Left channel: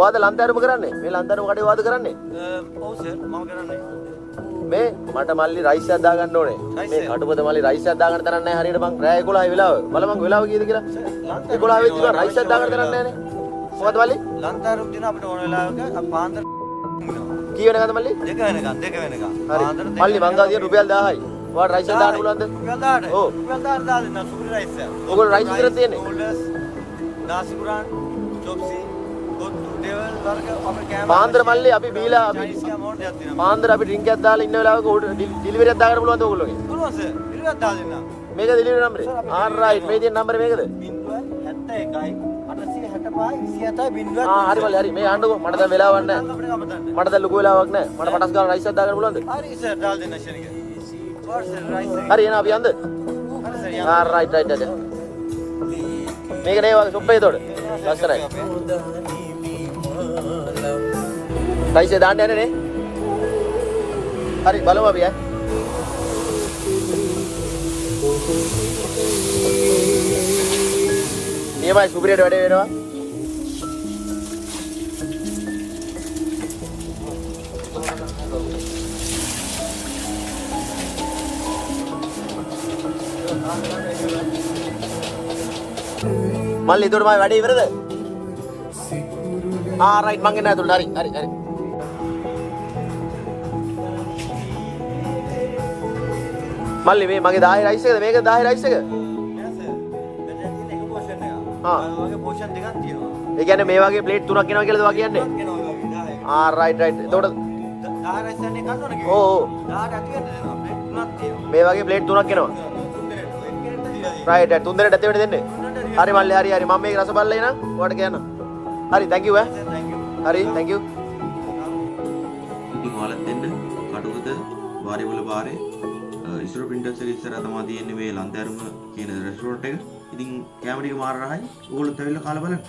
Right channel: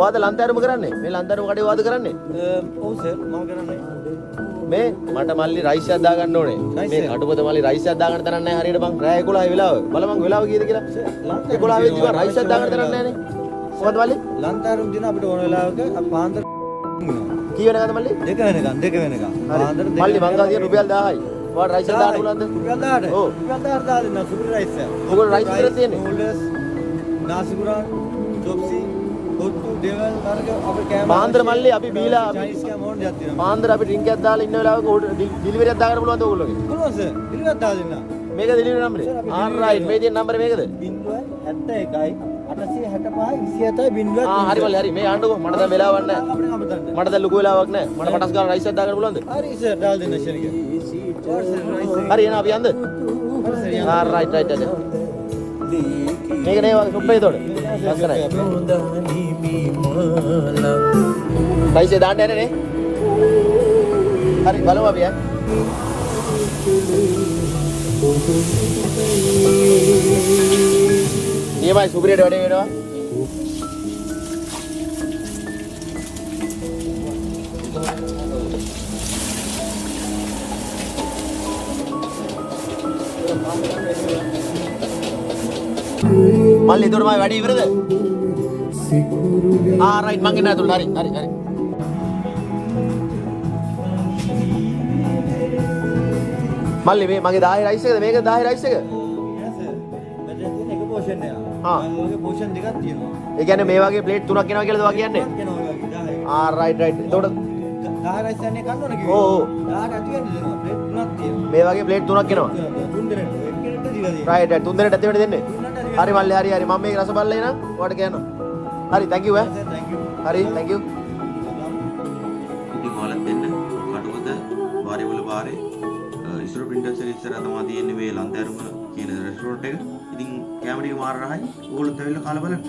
ඔයාද ලන්තෑරුම කරන්නේ? මේ ලන්තෑරුම කඩේ වාද කරන්නේ? ඔව් සර් මම කරන්නේ. මේ මට මල්ලි රයිස් එකක් දාගන්න ඕනේ. රයිස් එක? අඩුමත මල්ලි රයිස් එකක් දාගන්න තරන්නේ නැහැ හරියට මං රෑ 11 වෙලාව. බලමං වෙලාව කීයද කියලා. සර් ලන්තෑරුම් තියෙනවා අවශ්‍ය ඕන වෙලාවක. කොහොමද මල්ලි? ලන්තෑරුම් තියෙන අපිට ඕන වෙලාවක අපි පාන්දර ඉන්නවා. කී වෙනකද මල්ලි? 2 වෙනකන්. පාන්දර 2 මල්ලි වෙනකන් මං අපි රුපියල් 10යි. ඔයාට රයිස් එකක් 10යි. දාන්න රුපියල් 10ට. රුපියල් 10ට දාලා දෙන්න සුපිරි රයිස් එක. රයිස්, නූඩල්ස්, නාසි කුරාන්, චොප්සි, කොත්තු, ඩෙවල් වර්ග අපේ කෑම මාන්දර මල්ලි අපි බීලා චයිනීස් කෑම ඕන දෙයක් තියෙනවා. මාන්දර අපි ඩ්‍රින්ක් එකක් දාලා ඉන්න වෙලාවක ඩිලිවරි එකක් දාගන්න පුළුවන්ද ඔයගොල්ලෝගේ? පුළුවන් සර්. පිළිවෙත් දාලා දෙන්න. මේක ඩිලිවරි නම්බර්. සර් අපි ඩිලිවරි කරනවා. ඒජන්ට් නම්බර මේකද? 071 865 27 හරි මේ ආන්නකො මට දැන් වෙලාවක් නැහැ. අපිට කමතන්න. මට දැන් ලොකු වෙලාවක් නැහැ. මට කොටස් ගන්න රයිස් එකක් දාගන්න පුළුවන්ද? හරි සර් දාලා දෙන්න ෂෙනික. ඔව් සර් රයිස් එක. හරි එනවා අපි යන්න. හරි සර් යන්න. Right right right. මේක නේ නුඹේ දොර. රයිස් එක දාන්න යන්නේ නේ. හරි බලමු අපි ඈ. ඊමයි සුපිරියට වැඩේ වෙනවා. මල්ලි දොර මම වැඩේ ඉවරද? රයිට් මං එන්න ඇතුළට. හරි හරි හරි. මල්ලි මේ මගේ 10 රයිස් එකද මේක 10 රයිස් එක? යස් සර්. මෙතන එක පෝෂන් එක. ඔය වගේ පෝෂන් දෙකක් තියෙනවා. ඒ කියන්නේ මේ වගේ ප්ලේට් 3ක් එනවා කියලාද මං කියන්නේ? Right right. එතකොට 10 රයිස් යන්නේ කන්න ඕන කිව්වේ. 10ට ඇති වෙන්න දෙනවා. ප්ලේට් 3ක් තියෙනවා. මේ වගේ ප්ලේට් 3ක් එනවා. තුන් දෙනෙක්. එක කෙනෙක්ට දීලා තියෙනවා. Right right. 3 දෙනෙක් ඇතුළට දෙන්නේ. හරි මල්ලි හරි හරි. මම මේක රස බලලා එනවා. ඔයාලට කියන්න. හරි thank you sir thank you. හරි thank you. ඉතින් ඔයාලත් එන්න කටුවත වාරිවල පාරේ ඉස්සර ප්‍රින්ටර්ස් එක ඉස්සරහ තමයි තියෙන්නේ මේ ලන්තෑරුම කියන රෙස්ටෝරන්ට් එක. ඉතින් කැමරේ මාර රහයි. ඕගොල්ලෝ තැවිල්ල කාලා බලන්න.